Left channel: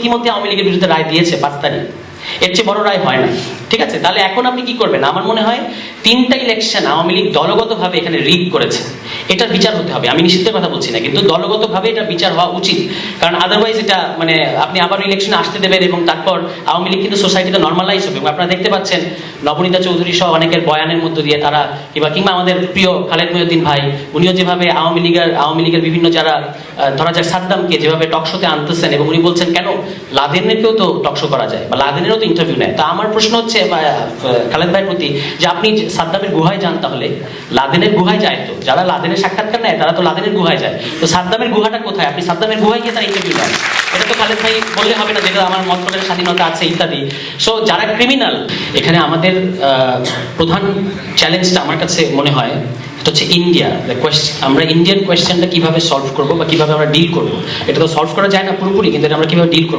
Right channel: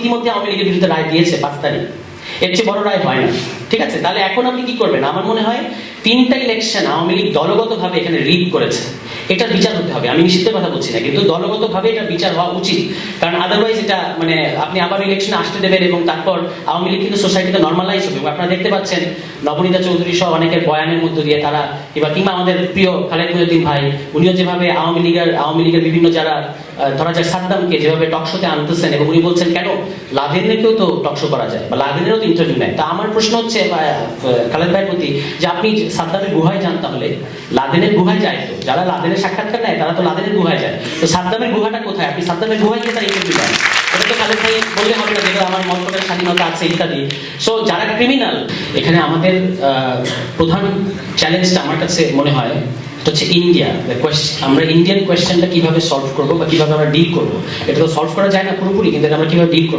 ইতিমধ্যে আওয়ামী লীগের বিরুদ্ধে রায় দিয়েছে পাঁচ তারিখ। এর চেয়ে বড় রায় হয় ঠিক আছে? তাহলে এখন আপনি কি করবেন? আমার মনে হয় তিনটা ইলেকশন আওয়ামী লীগ দলগতভাবে এখানে রিগ করেছে। এটার বিচার হতে হবে, আমি নিশ্চিতের কথা বলছি না, কিন্তু দলগতভাবে এটা বিচার হওয়া উচিত। কারণ আদারওয়াইজ এটা মানে আপনি আবার ইলেকশনে আসতে দেবেন এবং তারপর আওয়ামী লীগ কিন্তু সোসাইটিতে নর্মালাইজ হবে। আপনারা দেখতে পাচ্ছেন, নবনীতা চৌধুরী সহ অনেকের বয়ানের মধ্য দিয়ে তারা কিংবা কিংবা আমাদের প্রিয় খালেদ মহিউদ্দিন ভাই, উনিও যেভাবে আওয়ামী লীগের আওয়ামী লীগের বিভিন্ন যারা ধরা যাক সাদ্দামকে যেভাবে টকশোতে আনতেছেন এবং উনি বলছেন, কেন? লাদেনেরকেও তো টকশো করা যায় বা লাদেনেরও তো ইন্টারভিউ নেয়। তা আমার প্রশ্ন হচ্ছে খালেদ ভাইয়ের প্রতি যে আপনি সাদ্দামের গুহায় যান তাহলে। লাদেনের গুহায় যায় তো। যারা লাদেনের সাক্ষাৎকার নেয়, তারা তো লাদেনের গুহায় যায়। তো সাদ্দামের গুহাটা কোথায়? আপনি সাদ্দামের গুহায় গিয়ে তার ইন্টারভিউ নেন এটা তো খালেদ ভাই বললে হবে না, যেগুলো আমার মন্ত্রণের স্বাধীনতা আছে, ইত্যাদি। সো যারা ক্রিমিনাল এখানে আমাদের প্রধান চ্যালেঞ্জটা আমার কাছে মনে হয়, এটা হচ্ছে ইন্ডিয়া আমরা ইন্ডিয়ান কোয়েশ্চেনটা কীভাবে সলভ করব বা কীভাবে আমরা ডিল করব? এটা তো সলভ করা যায় না পুরোপুরি, কিন্তু আমরা কীভাবে ডিল করব?